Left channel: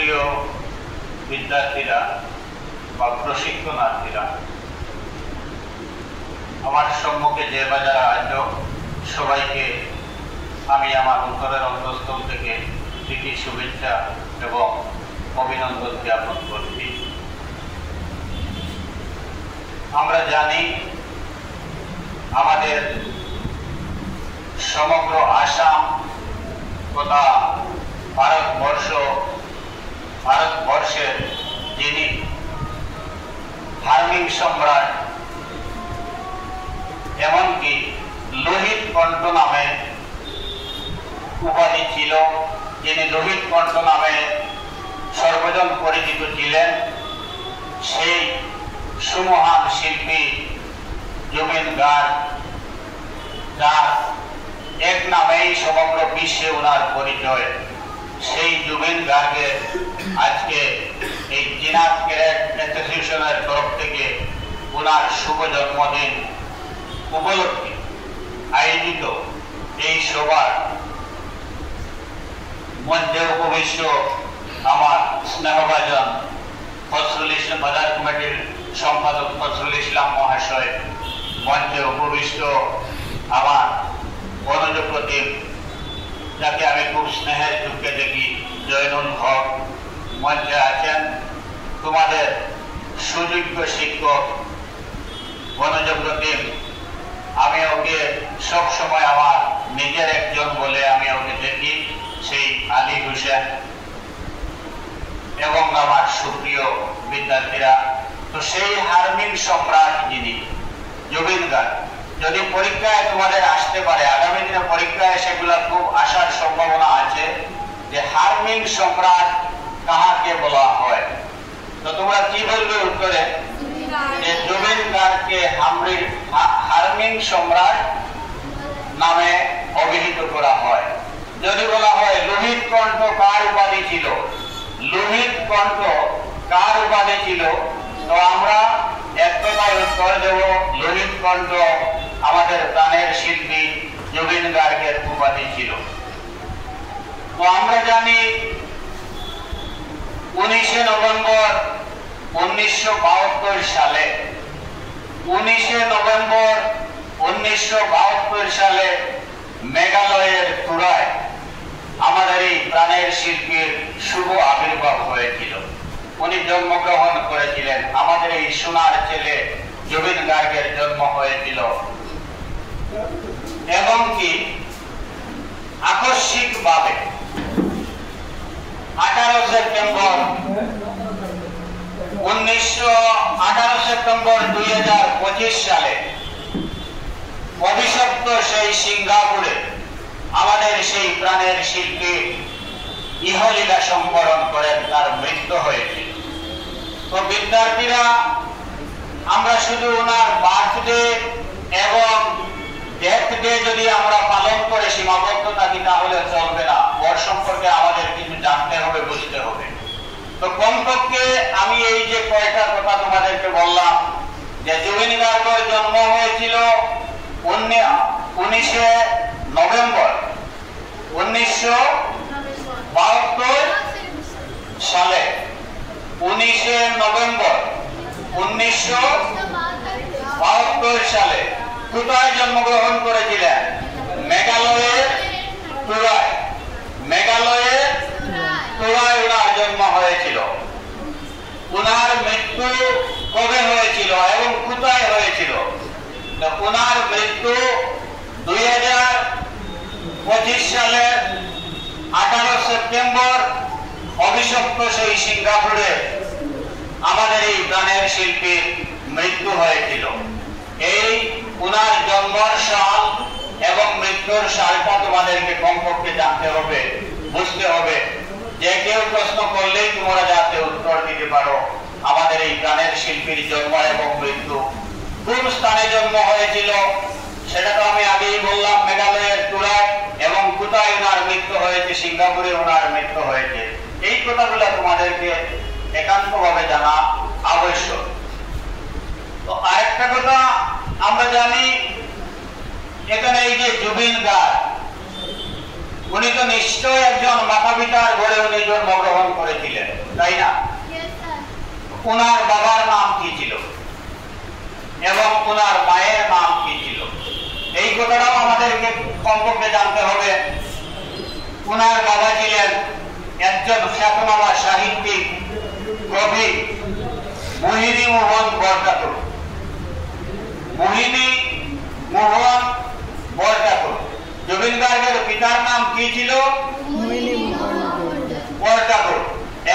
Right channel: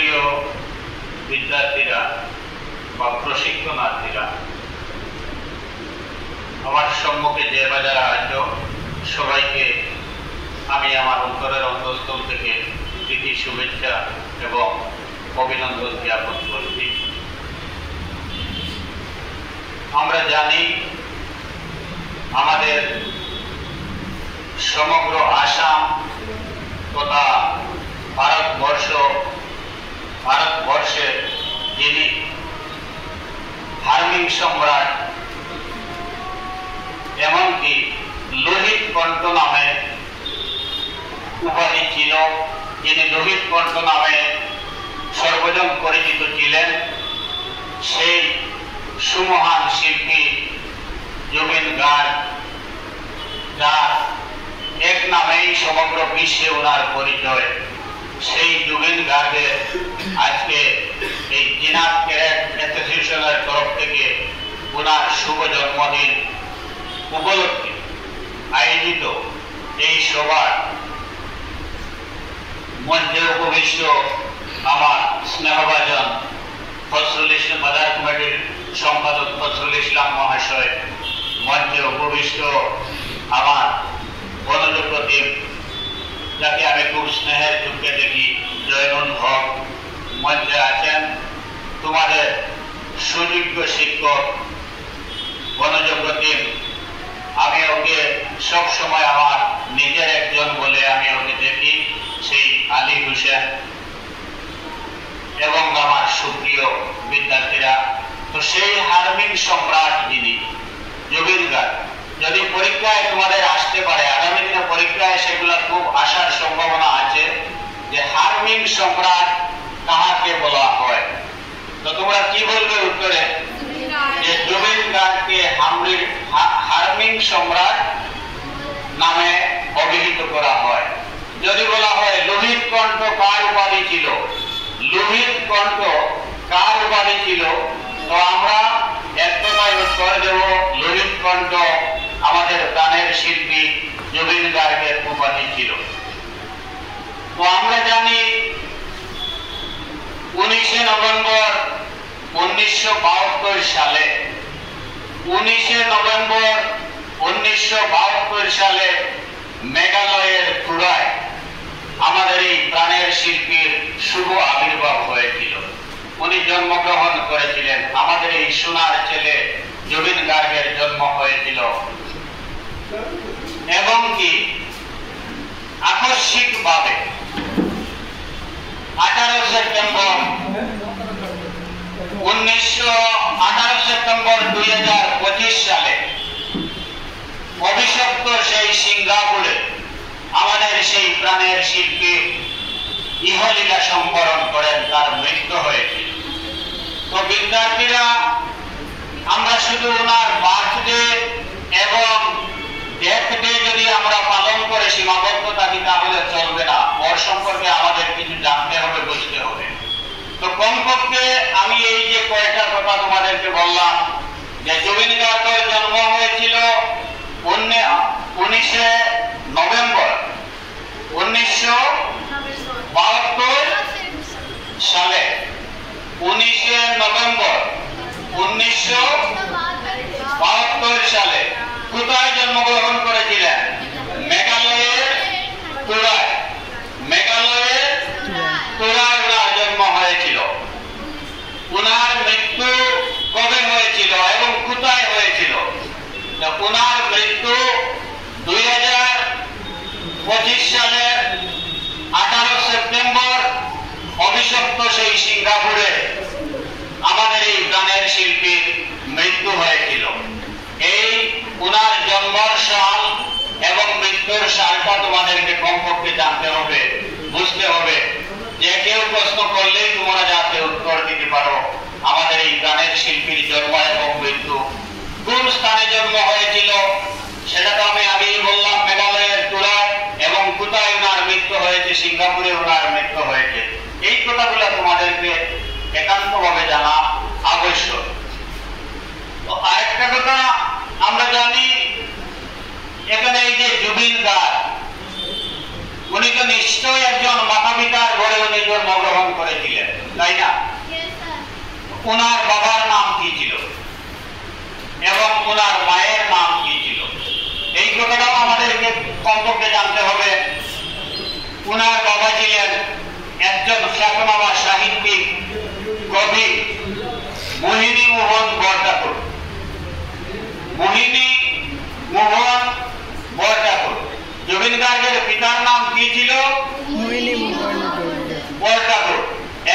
সুপ্রিয় বিদ্যার্থীরা বা প্রশিক্ষণার্থীরা, আমার সম্মুখে যে বাজারে আছো সবাইকে আমি আমার অন্তরের অন্তঃস্থল থেকে প্রীতি শুভেচ্ছা এবং অভিনন্দন জ্ঞাপন করছি। আমরা জানি আমাদের সমগ্র আসাম তথা ভারতবর্ষের যিনি ধার্মিক সম্রাট, এমনকি লোহিত কণ্ঠ নামে উপাধি ছিল, যিনি লোহিত কণ্ঠ নামে সর্বজন পরিচিত ছিলেন, সেই সুমহান শিল্পী জুবিন গার্গ, যার এক নামেই সমগ্র বিশ্বে ওনার পরিচয়, সেই জুবিন গার্গের আজকে এই জিনাত ক্যারেট অ্যাসোসিয়েশনের তরফ থেকে ওনার শুভ জন্মদিন উপলক্ষে আয়োজিত এই সভার মঞ্চে উপবিষ্ট আমার স্নেহভাজন ফজলুল ইসলাম বাজার কমিটির সম্পাদক ফজলুল ইসলাম মহাশয়, মঞ্চে উপবিষ্ট আমার বনজপ্রতিম, যাকে আমি খুব স্নেহের চোখে দেখি, জয়নুল হক, মঞ্চে আছেন তোমাদের সুযোগ্য শিক্ষক বনজপ্রতিম, আমি ওকে সবসময় আমার নিজের একজন বলে আমি ওকে দেখি, সেই আলী হোসেন, এবং আমার সুপ্রিয় বিদ্যার্থীরা। তো সেই ধার্মিক সম্রাট যিনি জুবিন গার্গ, যদি পরীক্ষায় তোমাদের আসতে পারে, আগামী দিনে পরীক্ষায় সেগুলো খুব আসার সম্ভাবনা আছে, যে ধার্মিক সম্রাট কাহাকে বলা হয়, তো তোমরা কি বলবে উত্তরে? যে জুবিন গার্গকে ধার্মিক সম্রাট নামে অভিহিত করা হয়। যদি বলা হয় লোহিত কণ্ঠ কার উপাধি ছিল, লোহিত কণ্ঠ কার উপাধি ছিল, তো আমরা এক কথায় উত্তর দেব, লোহিত কণ্ঠ আমাদের প্রাণের শিল্পী জুবিন গার্গের উপাধি ছিল। তো আমরা জানি 19 নভেম্বর 1972 সালে 1972 সালে মেঘালয়ের তুরায় আমাদের এই প্রাণের শিল্পীর শুভ আবির্ভাব হয়েছিল। উনি জন্মগ্রহণ করেছিলেন, আমাদের এই সোনার ছেলে জুবিন গার্গের জন্ম হয়েছিল। এবং কি আকস্মিকভাবে 18 সেপ্টেম্বর 2025 সালে অভিশপ্ত সেই সিঙ্গাপুরে আমাদের সেই প্রাণের শিল্পী ইহলীলা সম্বরণ করেন, তার মৃত্যু হয়েছিল। তো বিদ্যার্থীরা, আমরা শুধু ওনার বার্থডে এবং ডেথ ডে যদি আমরা পালন করে সীমাবদ্ধ থাকি তাহলে চলবে না, ওর সম্পর্কে আমাদের কিছু জানতে হবে, বুঝতে হবে। তো কমপক্ষে আমি এই যে কয়েকটা কথা তোমাদেরকে বললাম, যে জুবিন গার্গের জন্ম হয়েছিল 19 নভেম্বর 1972 সালে। 19 নভেম্বর 1972 সালে কোথায় জন্মগ্রহণ করেছিলেন? মেঘালয়ের তুরায়। মেঘালয়ের তুরায় ওনার জন্ম হয়েছিল। ওনার মৃত্যু কবে হয়েছিল এবং কোথায় হয়েছিল? ওনার মৃত্যু 2025 সালের 18 সেপ্টেম্বর অভিশপ্ত সেই সিঙ্গাপুরে আমাদের এই প্রাণের শিল্পীর মৃত্যু হয়েছিল। এই ওনার জন্মের সাল এবং মৃত্যুর সালটা তোমাদেরকে কমপক্ষে জানতে হবে, বুঝতে হবে। যে কেউ প্রশ্ন করলেই তোমরা যাতে উত্তর দিতে পারো, আমাদের এই প্রাণের শিল্পীর জন্ম এবং মৃত্যু কোন স্থানে জন্ম হয়েছিল সেটা তো আমি আগেই বললাম, মেঘালয়ের তুরায়, এবং কোথায় ওনার মৃত্যু হয়েছে? সিঙ্গাপুরে ওনার মৃত্যু হয়েছে। এই কথাগুলো তোমাদেরকে একান্তভাবে জানা আবশ্যক। তো আরেকটা কথা আমরা জানি, এখানে এই যে জুবিন গার্গ, উনি তো নিশ্চয়ই একজন মাতা পিতার ঘরে উনি জন্মগ্রহণ করেছিলেন, তাই না? ওনার বাবার নাম কি ছিল এবং ওনার মায়ের নাম কি ছিল, এই কথাটাও আমাদেরকে কমপক্ষে জানতে হবে। ওনার বাবা ছিলেন একজন খ্যাতনামা সাহিত্যিক, কবি মোহিনী মোহন বরঠাকুর। মোহিনী মোহন বরঠাকুর। জুবিন গার্গের পিতার নাম কি ছিল? মোহিনী মোহন বরঠাকুর।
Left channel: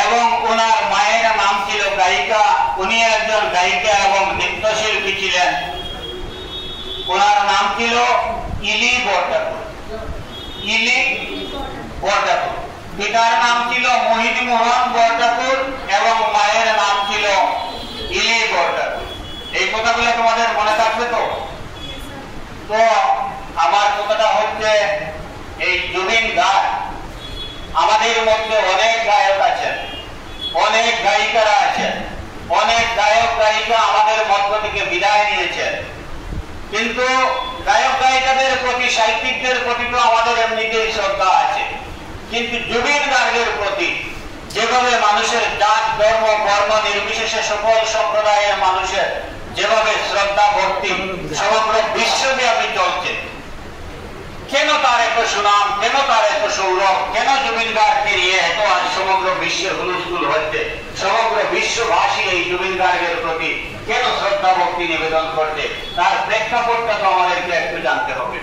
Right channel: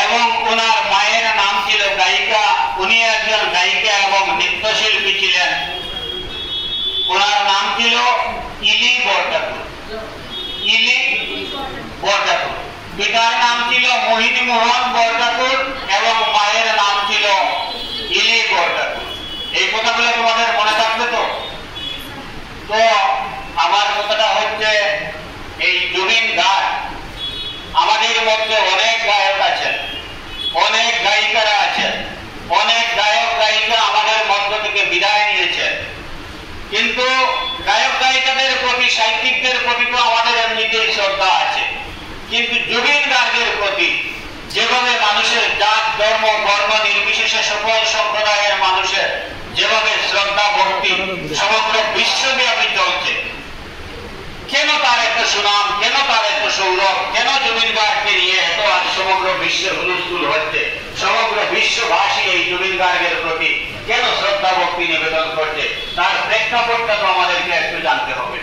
এবং ওনার মায়ের নাম ছিল গায়িকা, উনি একজন গায়িকা এবং নৃত্যশিল্পী ছিলেন। ওনার নাম ছিল ইলি বরঠাকুর। ইলি বরঠাকুর। পিতার নাম ছিল মোহিনী মোহন বরঠাকুর এবং মায়ের নাম ছিল ইলি বরঠাকুর। এই কথাগুলো তোমাদের মনে থাকবে তো? তো আমার কথাটা হচ্ছে, এই জুবিন গার্গ, আমাদের মধ্যে অনেক গায়ক আছেন, অনেক গায়িকারা আছেন, অনেক গায়ক গায়িকা আমাদের মধ্য থেকে বিদায় নিয়েছেন, কিন্তু গায়ক গায়িকাদের প্রতি, সাহিত্যিকদের প্রতি তো আমাদের এমনিতেই শ্রদ্ধা আছে। কিন্তু জুবিন গার্গের প্রতি যেভাবে মানুষের জাত, ধর্ম, বর্ণ নির্বিশেষে সকল সম্প্রদায়ের মানুষের যেভাবে শ্রদ্ধা ভক্তি সমগ্র বিশ্বব্যাপী চলছে, কেন তার এত সুনাম, কেন তার এত সৌরভ, কেন জুবিন গার্গকে নিয়ে এত আজ সমগ্র বিশ্বের হুলস্থুল হচ্ছে, সমগ্র বিশ্ববাসী এই জুবিন গার্গের প্রতি কেন শ্রদ্ধা ভক্তি নিবেদন করছে, তার প্রেক্ষাপটটা তো আমাদেরকে একটু জানতে হবে।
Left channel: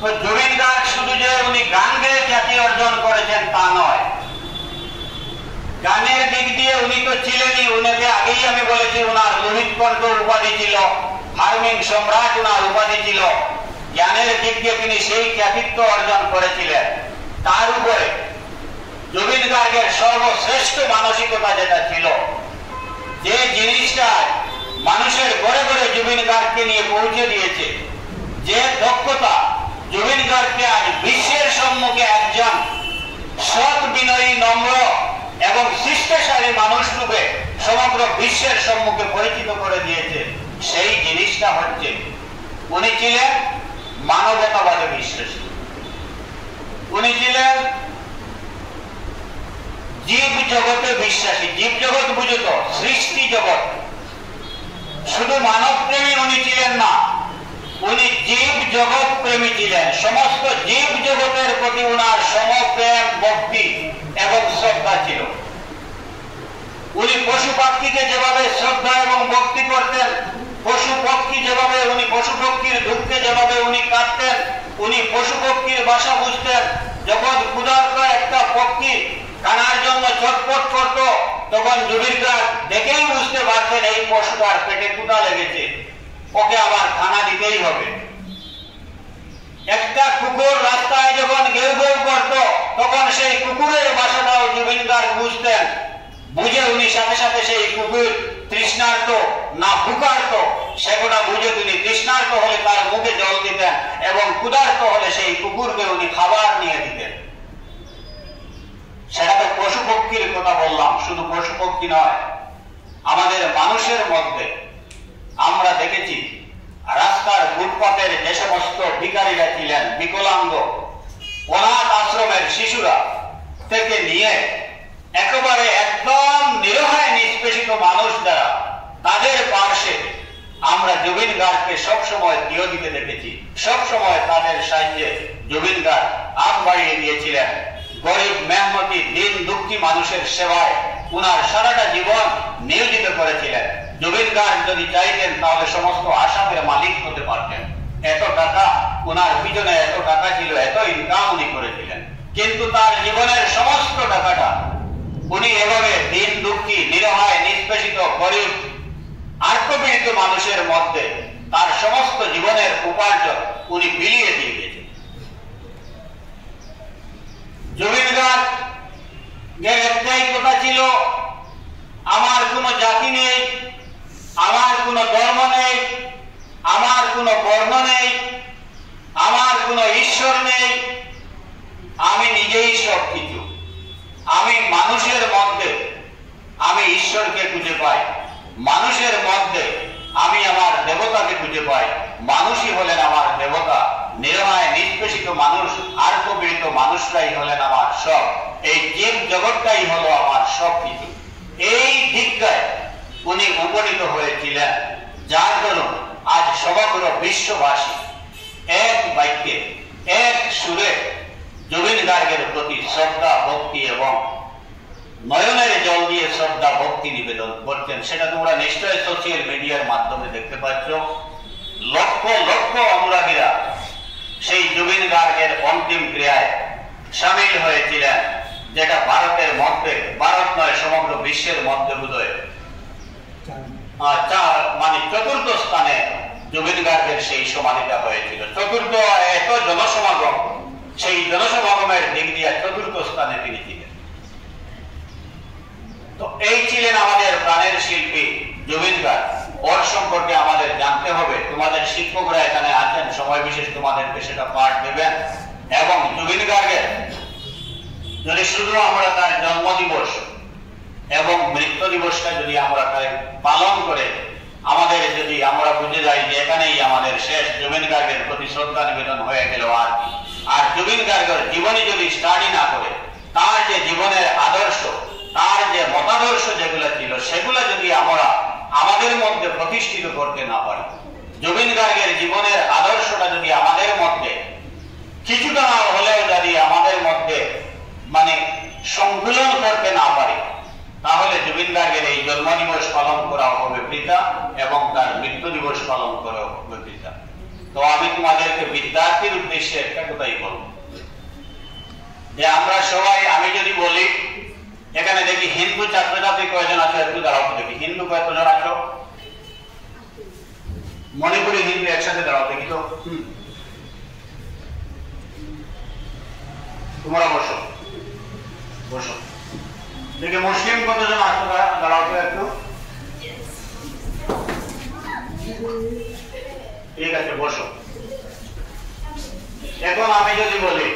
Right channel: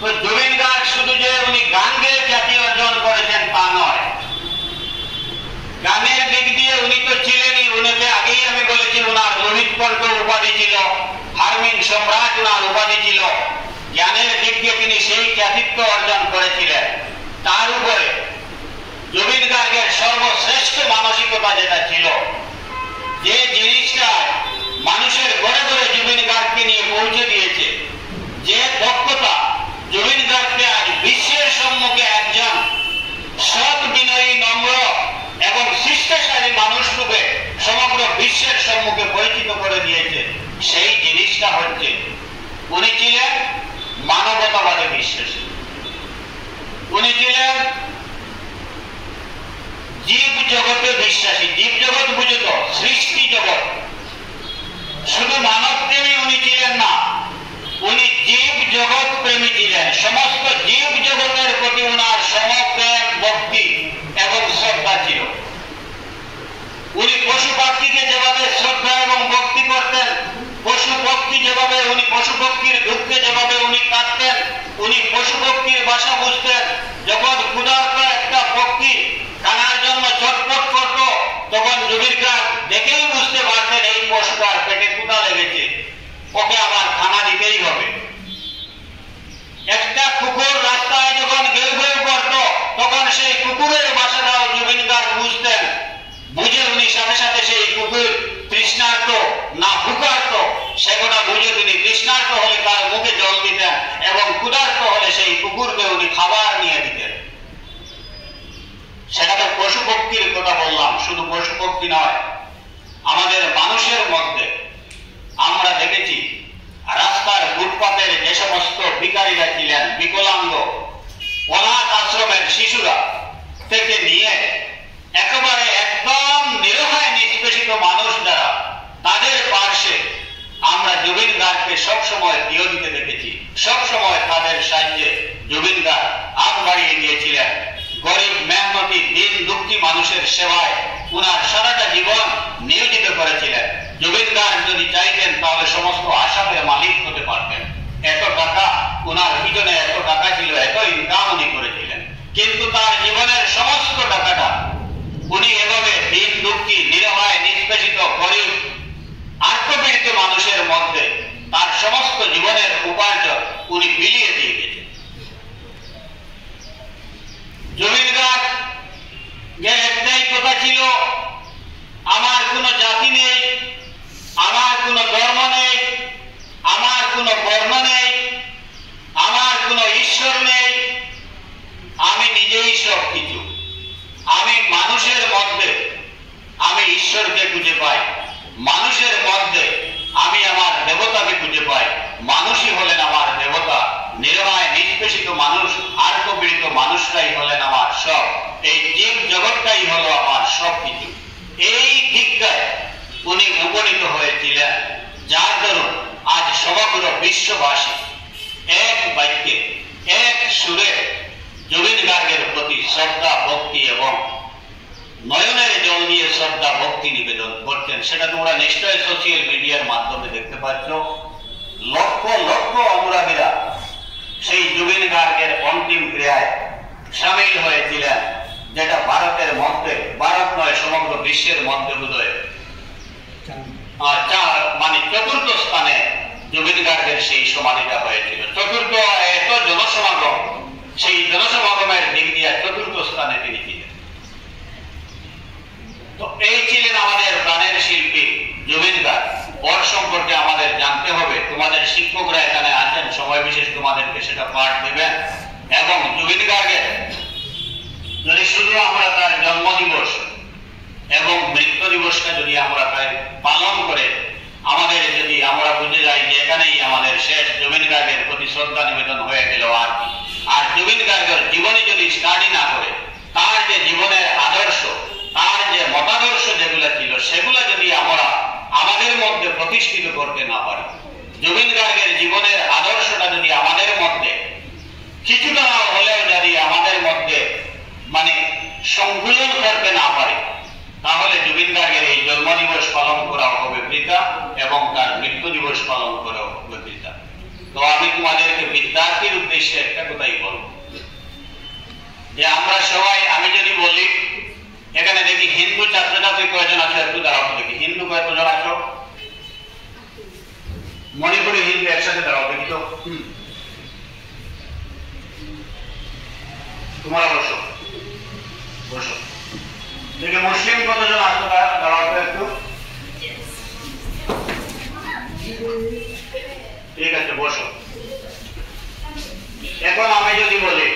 তো জুবিন গার্গ শুধু যে উনি গান গেয়ে খ্যাতি অর্জন করেছেন তা নয়, গানের দিক দিয়ে উনি তো ছিলেনই। উনাকে আগেই আমি বলেছি, ওনার লোহিত কণ্ঠ উপাধি ছিল, হারমিন সম্রাট ওনার উপাধি ছিল। জ্ঞানের দিক দিয়ে তিনি সেই খ্যাতিত্ব অর্জন করেছিলেন। তার উপরে জুবিন গার্গের সর্বশ্রেষ্ঠ মানসিকতা যেটা ছিল, যে জিনিসটা মানুষের ঘরে ঘরে জুবিন গার্গকে নিয়ে পৌঁছে দিয়েছে, যে দক্ষতা জুবিন গার্গকে আজ বিশ্বের সম্মুখে একজন সৎ, বিনয়ী, নম্র এবং শিষ্টাচারী মানুষ রূপে সমগ্র বিশ্বের সম্মুখে পরিচিত করে দিয়েছে, সেই জিনিসটা হচ্ছে উনি ছিলেন মানবতাবাদে বিশ্বাসী। উনি ছিলেন জীব জগতে বিশ্বাসী। জীব জগৎ বুঝত, সৃষ্টি জগৎ। শুধু মানব প্রেমী উনি ছিলেন না, উনি জীব জগৎ প্রেমী ছিলেন। সমস্ত জীব জগতের প্রতি উনার সমপ্রেম, ভক্তি এবং শ্রদ্ধা ছিল। উনি পশু পাখিকে যেভাবে শ্রদ্ধা এবং ভক্তি করতেন, পশু পক্ষী যেভাবে, উনি পশু পক্ষীর দুঃখে যেভাবে উনি কাঁদতেন, উনি পশু পক্ষীর ভাষা বুঝতেন। যখন ক্ষুধার্ত একটা পক্ষী খানার জন্য ছটফট করত, তখন জুবিন গার্গ দেখেই বুঝতে পারতেন এই পশুটার পেটে ক্ষুধা লেগেছে, ওকে আবার খানা দিতেই হবে। একটা কুকুর রাস্তায় যখন গেউ গেউ করত, তখন সেই কুকুরের ভাষাটাও জুবিন গার্গ বুঝতেন। বুঝে উনি সাথে সাথে সেই কুকুর তৃষ্ণার্ত না ভুকার্ত সেগুলো বুঝে তিনি তৃষ্ণার্ত হলে তার মুখে জল দিতেন এবং ক্ষুধার্ত হলে সেই কুকুরকে উনি খাবার নিয়ে দিতেন। সেটা তো পশু পক্ষীর কথা বললাম, শুধু পশু পক্ষী নয়, আমাদের মানুষের মধ্যে আমরা দেখেছি রাস্তার ফুটপাতের যে সমস্ত ভিখারীরা ছিলেন, বিকলাঙ্গ, অনাথ আশ্রমের শিশুরা থেকে নিয়ে একেবারে একদম নিরহায় নিষ্পেষিত মানুষ যারা, তাদের পার্শ্বে আমরা জুবিন গার্গকে সবসময় দিও দিতে দেখেছি। সবসময় তাদের সাহায্যে জুবিন গার্গ হাত বাড়িয়ে দিয়েছিলেন। গরিব, মেহনতি, দিন দুঃখী মানুষের সেবায় উনার সারাটা জীবন নিয়োজিত করেছিলেন। জুবিন গার্গ যদি চাইতেন তাহলে সমস্ত আসামের মালিক হতে পারতেন। এত টাকা উনার পিছনে, এত টাকা ছিল, এত ইনকাম উনি করেছিলেন। কিন্তু তার জীবনের সমস্ত টাকাটা উনি এভাবে দিন দুঃখী, নিরহায়, নিষ্পেষিত, গরিব, আত্মপীড়িত মানুষের মধ্যে তার সমস্ত জীবনের উপার্জন উনি বিলিয়ে দিয়ে গেছেন। জুবিন গার্গের একটাই কথা ছিল, আমার কোনো জাতি নেই, আমার কোনো ধর্ম নেই, আমার কোনো বর্ণ নেই, আমার কোনো ঈশ্বর নেই, আমি নিজেই সব কিছু। আমি মানুষের মধ্যে আমি ঈশ্বরকে খুঁজে পাই, মানুষের মধ্যে আমি আমার দেবতাকে খুঁজে পাই। মানুষই হলেন আমার দেবতা। নিরহায় নিষ্পেষিত মানুষ আর পীড়িত মানুষরাই হলেন আমার সব, এই জীব জগৎটাই হলো আমার সব কিছু। এই দীক্ষায় উনি উপনীত হয়েছিলেন, যার দরুন আজ সমগ্র বিশ্ববাসী এক বাক্যে এক সুরে জুবিন গার্গের প্রতি শ্রদ্ধা ভক্তি এবং নয়নের জল দিয়ে শ্রদ্ধা ভক্তি নিবেদন করছেন। সেটা তোমরা নিশ্চয় সোশ্যাল মিডিয়ার মাধ্যমে দেখতে পাচ্ছ। লক্ষ লক্ষ অনুরাগীরা সেই জুবিন গার্গের অন্তিম ক্রিয়ায় সামিল হয়েছিলেন, যেটা ভারতের মধ্যে, ভারত নয় সমগ্র বিশ্বের মধ্যে বোধহয় মানে চতুর্থ স্থানে জুবিন গার্গের সেই সমাধিটা হয়েছিল। চতুর্থ, এত জনসমাগম, সেই জনসমাগমের দিক দিয়ে চতুর্থ স্থানে তিনি ছিলেন। তো এই ছিলেন আমাদের প্রাণের শিল্পী জুবিন গার্গ। ওর সম্পর্কে আমাদের জানতে হবে। তোমাদের শিক্ষকরা এখানে আছেন, সময় বিশেষ তোমাদেরকে সেটা পাঠ দেবেন। এবং জুবিন গার্গের যদি শুধু আমরা তার জন্মদিবস এবং মৃত্যু দিবসটা যদি আমরা পালন করে আমাদের যদি আমরা বুঝে যাই যে এখানেই আমাদের শেষ, জুবিন গার্গের প্রতি শ্রদ্ধা নিবেদন হয়ে গেল। আর জুবিন গার্গের জীবনী যদি স্টাডি না করে, তার যে জীবনের আদর্শ, তার যে মতাদর্শ যেগুলো ছিল, সেগুলো যদি আমরা আমাদের মধ্যে প্রতিষ্ঠিত করতে না পারি, জুবিন গার্গের জীবনের আদর্শটা যদি আমাদের মধ্যে কিছুটা হলেও যদি আমাদের মধ্যে মানে সংকলন করতে না পারি, তাহলে জুবিন গার্গের এই জন্মদিবস পালন করা হবে বৃথা এবং তার মৃত্যু দিবস পালন করা হবে বৃথা। তো আমি তোমাদেরকে বিদ্যার্থীর উদ্দেশ্যে একটা কথাই বলবো, যে আমরা সবাই, আমি যদি বলি এখানে দেখি হিন্দু ছাত্রছাত্রী কয়জন আছে, একটু দাঁড়াও দেখি। হিন্দু কয়জন আছো? মণিপুরি হিন্দু একসাথে দাঁড়াও দেখি তো। তোমরা বসো বসো। দেখি মুসলিম কতজন আছো? দাঁড়াও তো একটু। ঠিক আছে, বসো। এখন আমি যদি বলি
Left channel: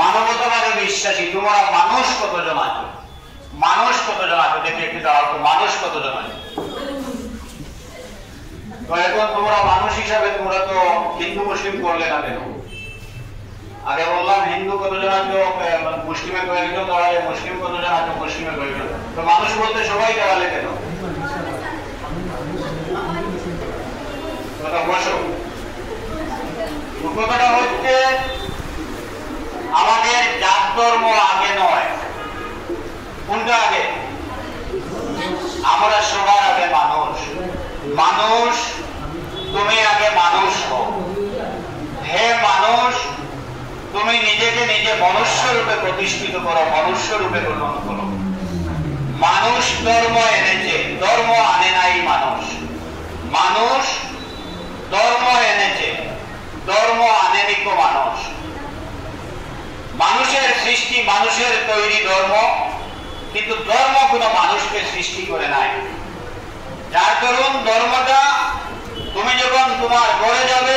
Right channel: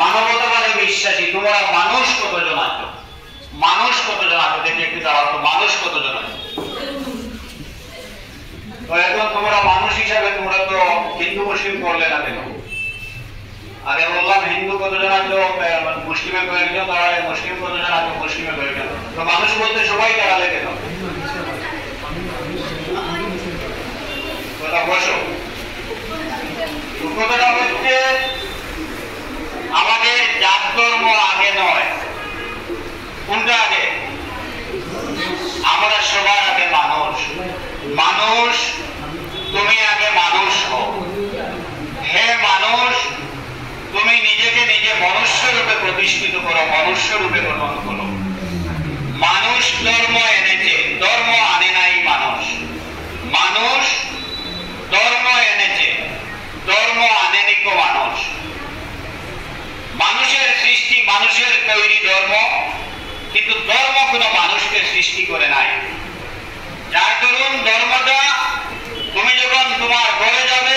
মানবতাবাদে বিশ্বাসী তোমরা মানুষ কতজন আছো? মানুষ কতজন আছো দেখি একটু দাঁড়াও তো। মানুষ কতজন আছো? তো এখন তোমরা মানুষ হিসাবে তোমরা তো হিন্দু মুসলিম করলে না কেন? আগে বললাম হিন্দু কতজন আছো, মুসলিমে কয়েকজন দাঁড়ালে, মুসলিম কতজন আছো, মুসলিমে কয়েকজন। তো মানুষ বলতে সবাই দাঁড়ালে কেন? বসো। কথাটা হচ্ছে আমাদের জাত ধর্ম আগে নয়। কোনটা আগে? আমরা সবার আগে মানুষ। মানুষ, তুমি আগে মানুষ হও। হে মানুষ, তুমি নিজেকে নিজে মনুষ্য রূপে প্রতিষ্ঠিত করো, মনুষ্য রূপে গ্রহণ করো। মানুষ ধর্ম এনেছে, ধর্ম আনে নাই মানুষ। মানুষ ধর্ম এনেছে, ধর্ম আনেনি কো মানুষ। মানুষের সৃষ্টি, মানুষের তৈরি ধর্ম, কিন্তু ধর্ম কোনো মানুষকে সৃষ্টি করে নাই। যার দরুন ধর্মটা তুমি যখন তোমার ঘরে যাবে,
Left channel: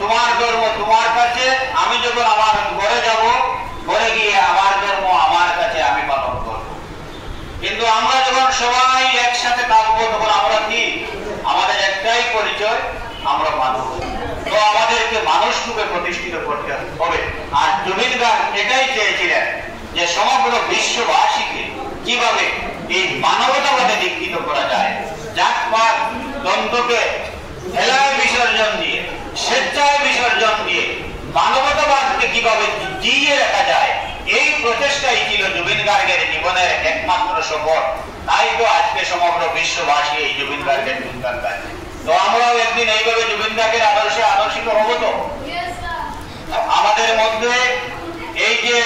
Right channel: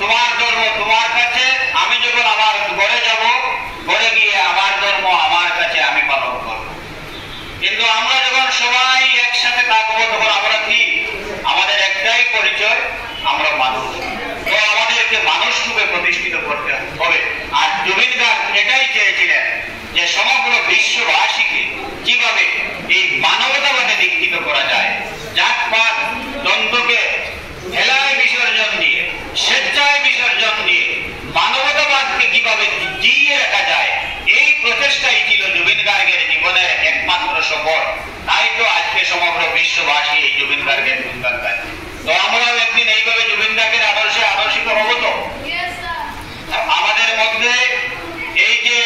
তোমার ধর্ম তোমার কাছে, আমি যখন আমার ঘরে যাব, ঘরে গিয়ে আমার ধর্ম আমার কাছে আমি পালন করব। কিন্তু আমরা যখন সবাই একসাথে থাকবো, তখন আমরা কি? আমাদের একটাই পরিচয়, আমরা মানুষ। তো আমাদেরকে মানুষ রূপে প্রতিষ্ঠিত করতে হবে। আর জুবিন গার্গ এটাই চেয়েছিলেন যে সমগ্র বিশ্ববাসীকে কিভাবে এই মানবতাবাদে দীক্ষিত করা যায়, জাতপাত দ্বন্দ্বকে হেলায় বিসর্জন দিয়ে, স্বেচ্ছায় বিসর্জন দিয়ে মানবতাবাদকে কিভাবে জিইয়ে রাখা যায়, এই প্রচেষ্টাই ছিল জুবিন গার্গের জীবনের একমাত্র সফল। তাই তো আজকে সমগ্র বিশ্ববাসী এই জুবিন গার্গের গুণগান গাইছে। তো আমরাও একদিন এইভাবে জুবিন গার্গের আদর্শে আদর্শিত হব। তো আমাদের মধ্যে এই যে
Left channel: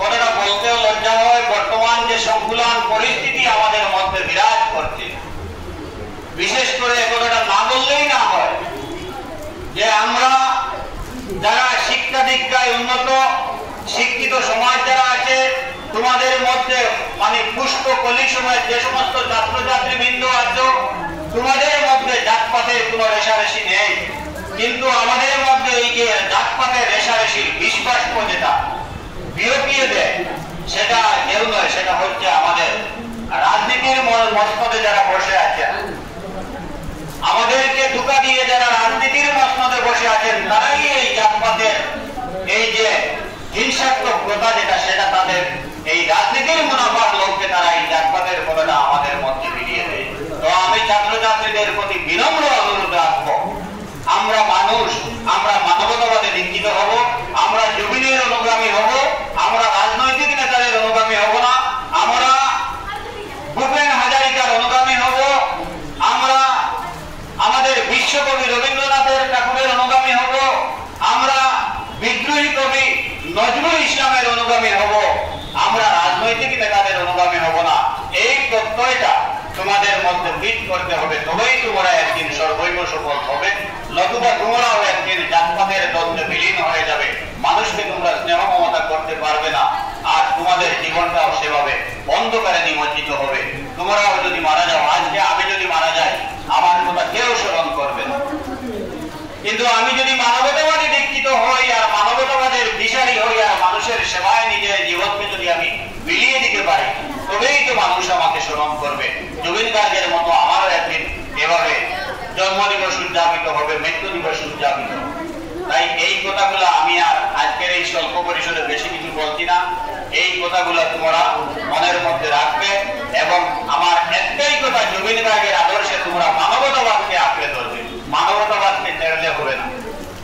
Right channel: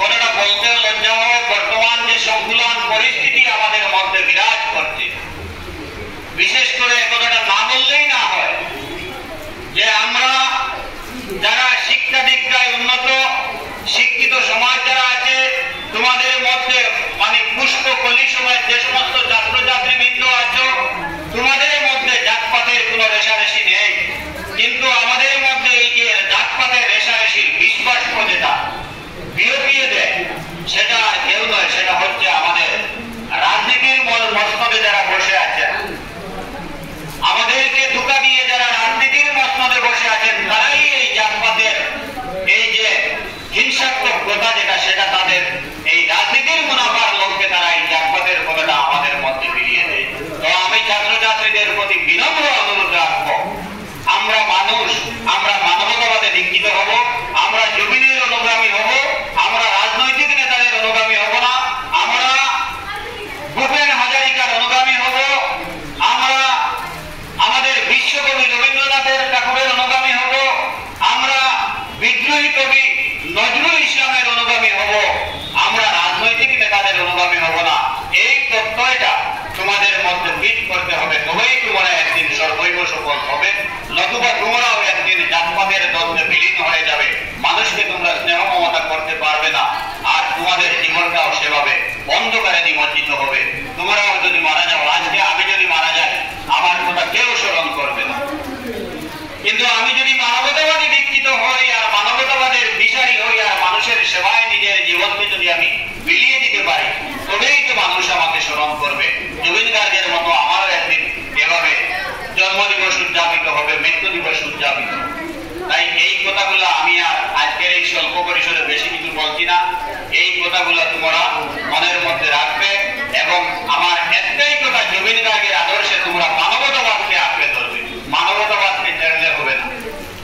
কথাটা বলতেও লজ্জা হয়, বর্তমান যে সংকুলান পরিস্থিতি আমাদের মধ্যে বিরাজ করছে, বিশেষ করে কথাটা না বললেই না হয় যে আমরা যারা শিক্ষা দীক্ষায় উন্নত, শিক্ষিত সমাজ যারা আছে, তোমাদের মধ্যে মানে পুষ্প কলি সময় যে সমস্ত ছাত্রছাত্রী বৃন্দ আছো, তোমাদের মধ্যে জাতপাতের কোন রেশারেশি নেই। কিন্তু আমাদের মধ্যে এই যে জাতপাতের রেশারেশির বিশ্বাস যেটা বিরোপিয়ে দেয়, সেটা কেউ নয়, সেটা হচ্ছে আমাদের রাজনীতির মসনদে যারা বসে আছেন, আমাদেরকে ধোঁকা দিয়ে যারা রাজনীতির মসনদে বসে আছেন, তারাই হিংসাত্মক কথা যেটা, সেটা তাদের এই রাজনীতির মুনাফার লক্ষ্যে তারা এই জাতপাতের কথাটা আমাদের মধ্যে মিলিয়ে দেয়। তো আমি ছাত্রছাত্রীদের প্রতি বিনম্র অনুরোধ রাখবো, আমরা মানুষ, আমরা মানবতাবাদে দীক্ষিত হব, আমরা জমিনের অনুগামী হব, আমরা রাজনৈতিক নেতাদের অনুগামী হব না, আমরা ভূপেন হাজারিকার অনুগামী হব, আমরা আমাদের বিশ্বকবি রবীন্দ্রনাথের ঠাকুরের অনুগামী হব, আমরা বিদ্রোহী কবি নজরুল ইসলামের অনুগামী হব, আমরা রাজনৈতিক নেতাদের অনুগামী হব না। এই প্রত্যয়টা তোমাদের মধ্যে ফিট করতে হবে, তবেই তোমরা একদিন সর্বৈব সফল হবে, নতুবা তোমরাও একদিন জাতপাতের দ্বন্দ্বে বিলীন হয়ে যাবে, মানুষকে তোমরা স্নেহ মমতা করতে পারবে না, আর তোমাদের জীবনটাও সেভাবে অন্ধকারে নিমজ্জিত হবে। তোমরাও যদি মারা যাও, আজকে আমি যদি মারা যাই, আমার কথা কেউ স্মরণ করবে না, কিন্তু আমি যদি মানবতাবাদী দীক্ষিত হই আর মানবতাবাদের দিশারি হই আর মানুষের সেবায় নিজের জীবনকে যদি আমি বিলিয়ে দিতে পারি, তবেই তো মানুষ আমাকে স্মরণ করবে। জুবিন গার্গের মতো আমারও একদিন এভাবে জন্মদিবস উদযাপিত হবে, মৃত্যু দিবস উদযাপিত। তাই এই কথাগুলো আমি আর আজকের এই স্বল্প পরিসরে বেশি কিছু বলছি না, এই কথাগুলো তোমরা মনের মধ্যে রাখবে। এবং আমার একটাই কথা, জুবিন গার্গের আদর্শে তোমরা মানবতাবাদকে আঁকড়ে ধরবে, মানবতাবাদকে ছেড়লে হবে না,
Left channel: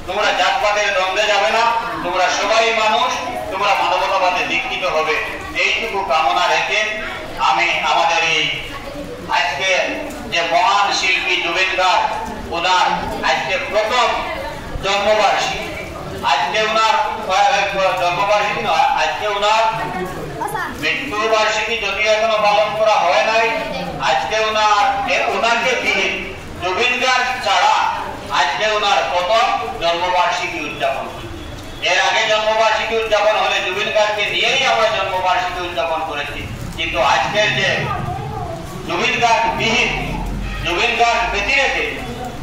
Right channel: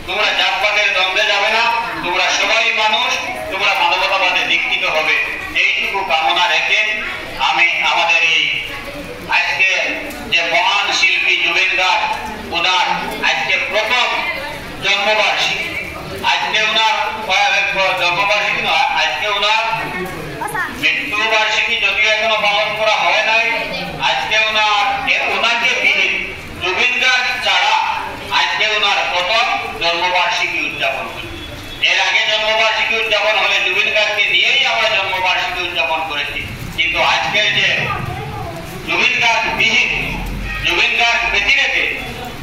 তোমরা জাতপাতের দ্বন্দ্বে যাবে না, তোমরা সবাই মানুষ, তোমরা মানবতাবাদে দীক্ষিত হবে। এইটুকু কামনা রেখে আমি আমাদের এই আজকে যে মহান শিল্পী জুবিন গার্গ, ওনার আজকে প্রথম জন্মবার্ষিকী, আজকে ওনার জন্মবার্ষিকী নয়, আজকে ওনার মৃত্যু বার্ষিকী যদিও এখনো পালন করা হয় নাই। আজকে ওনাকে বিহীন জুবিন গার্গ ছাড়া আজকে ওনার প্রথম জন্মবার্ষিকী উদযাপন হচ্ছে। এর আগে জন্মবার্ষিকী উদযাপন হলে জুবিন গার্গকে নিয়েই আমরা জন্মবার্ষিকী উদযাপন করেছি, কিন্তু আজকের যে জুবিন গার্গ বিহীন, জুবিন গার্গ বেঁচে রেখে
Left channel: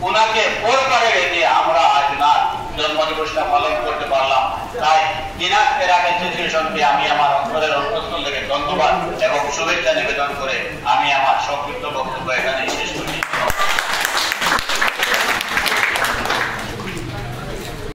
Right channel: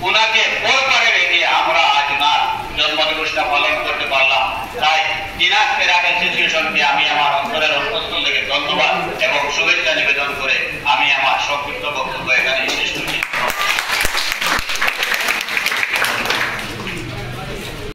ওনাকে পরপারে রেখে আমরা আজ ওনার জন্মদিবসটা পালন করতে পারলাম। তাই দিনাজ ফেরাক অ্যাসোসিয়েশনকে আমি আমার অন্তরের অন্তঃস্থল থেকে ধন্যবাদ এবং শুভেচ্ছা নিবেদন করে আমি আমার